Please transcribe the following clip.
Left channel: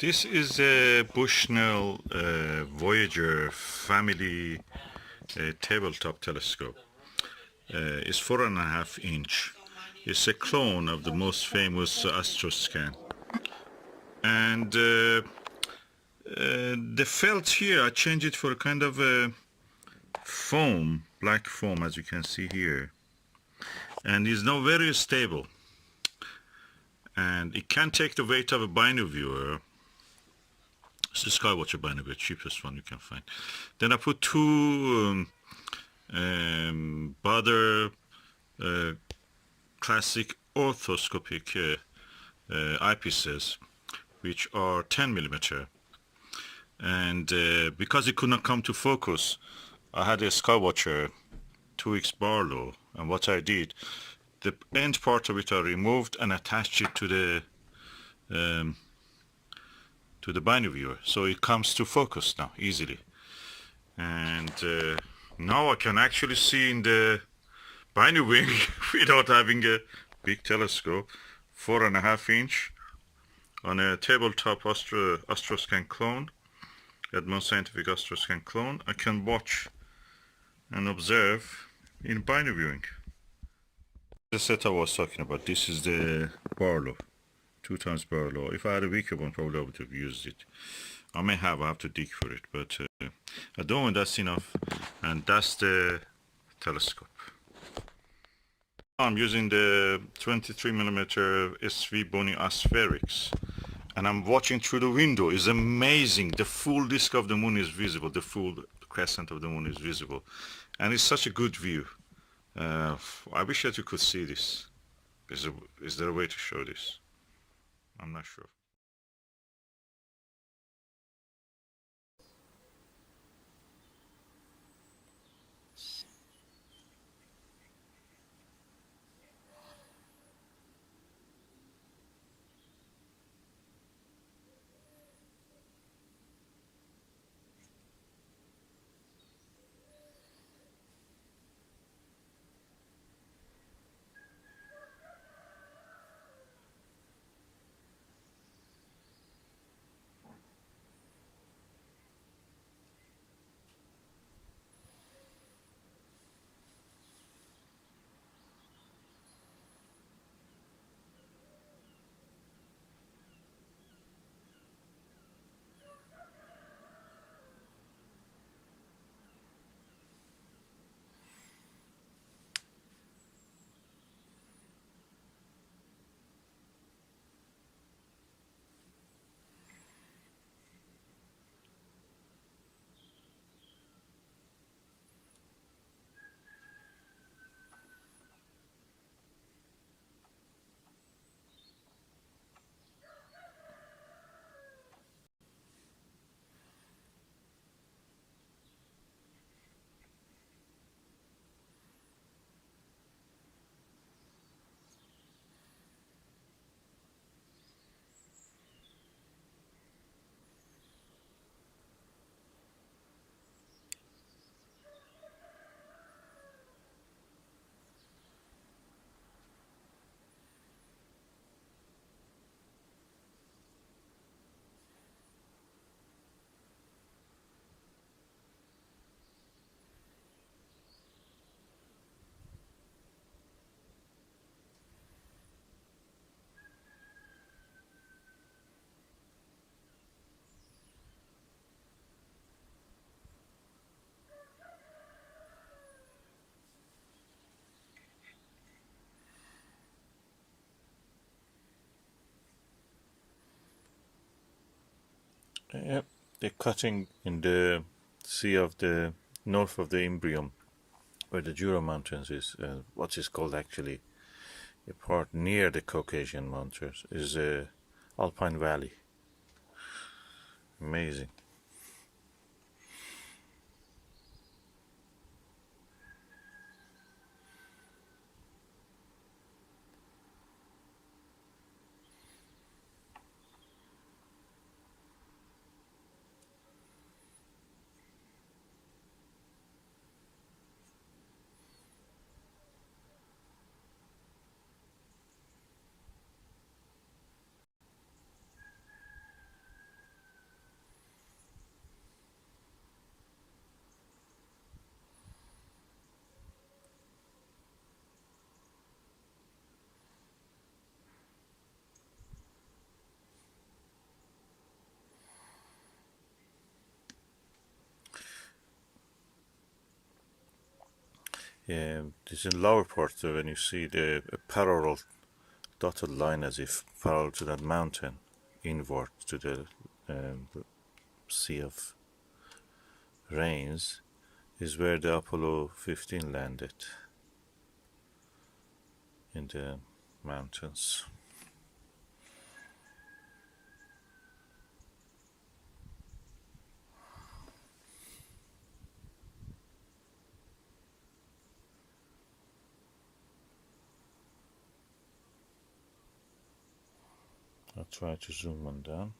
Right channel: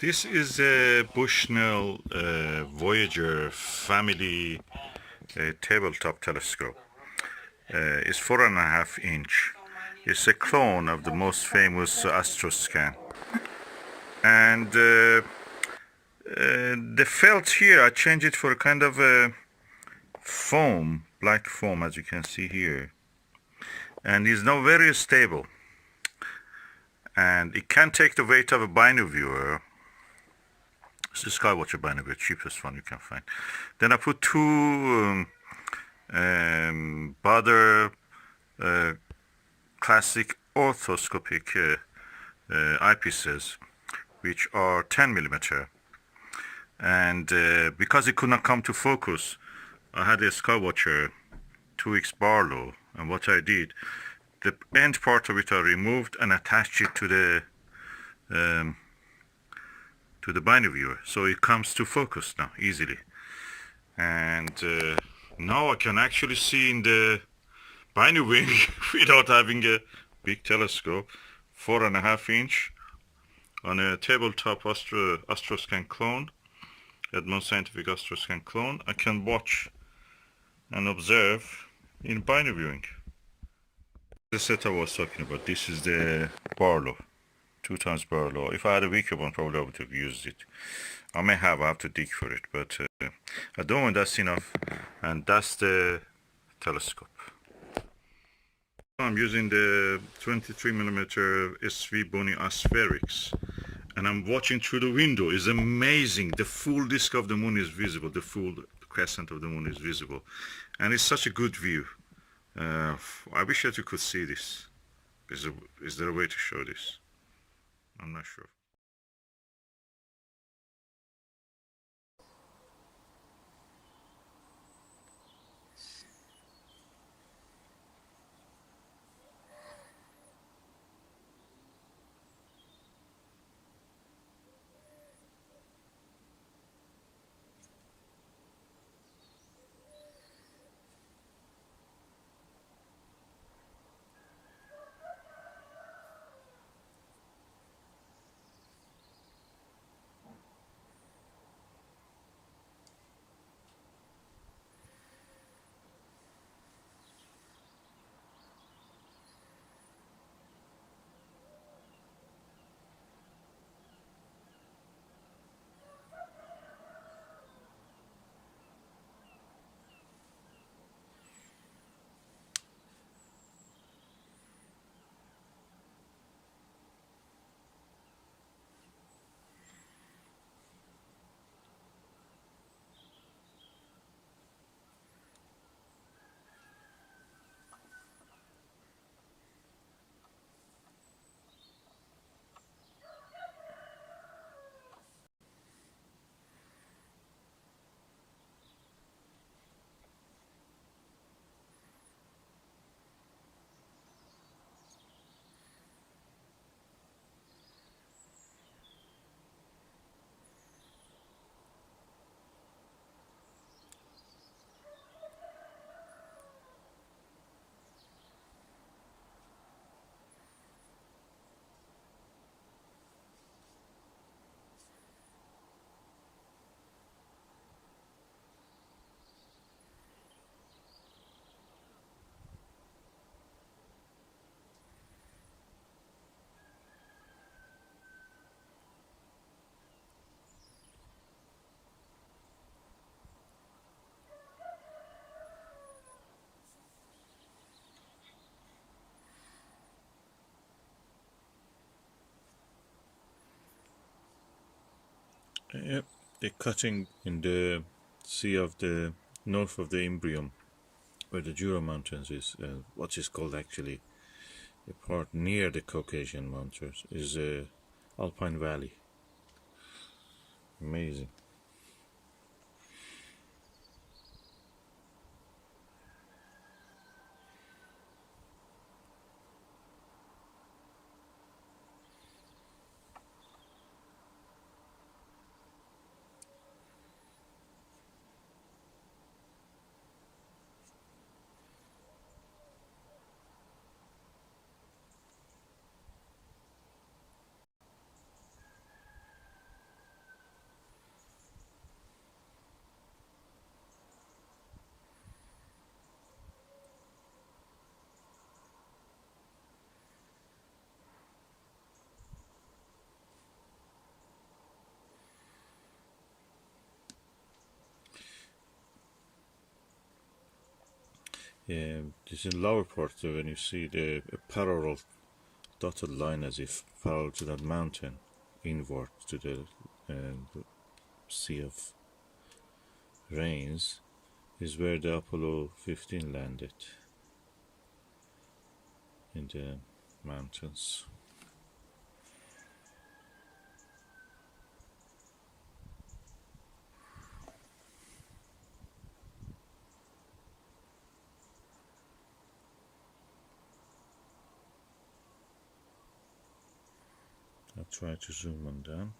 This is a Bushnell Voyager family tabletop telescope. It's 4.5 inch. It's a clone of the most famous Astroscan. And the felt here, I changed it for a kind of a foam, black foam, as you can see here. And it's now very stable. And it can take the weight of a binoviewer. It's the Skywatcher Barlow, cheapest one you can find. Then I put two Baader Classic Orthoscopic eyepieces, which are 10 millimeter. And because it could not come to focus, I had a Skywatcher 2X Barlow, and what I did, the end part of it I removed and attached it to the binoviewer, so it comes to focus now easily. And now I can actually see in the Binoviewing without having a big telescope. 4.5 inch on a tabletop Astroscan clone, Edmund Scientific Astroscan clone. I can watch and observe in Binoviewing. The set I was talking about, this is the Barlow, 2 times Barlow. If I had a weaker one, probably I would have used it. I have to dig for it, but at the moment that's enough. And that's the telescope. I'm using the 23 millimeter SVBony Aspherics, and I'm watching through the window. It's amazing. The full disk of the moon is visible. The full crescent of the moon is visible, and it's such a good view. I wish that you could see this. Is there a way to show this? I'm not sure. Yep, they're cutting in the sea of the north of the Imbrium, where the Jura Mountains is. What is called actually the part near the Caucasian Mountains is Alpine Valley. Amazing. This is lower part when you see the parallel dotted line as if parallel to that mountain inward to the Sea of Rains is where the Apollo 15 landed in the mountains. I'll try to zoom on down.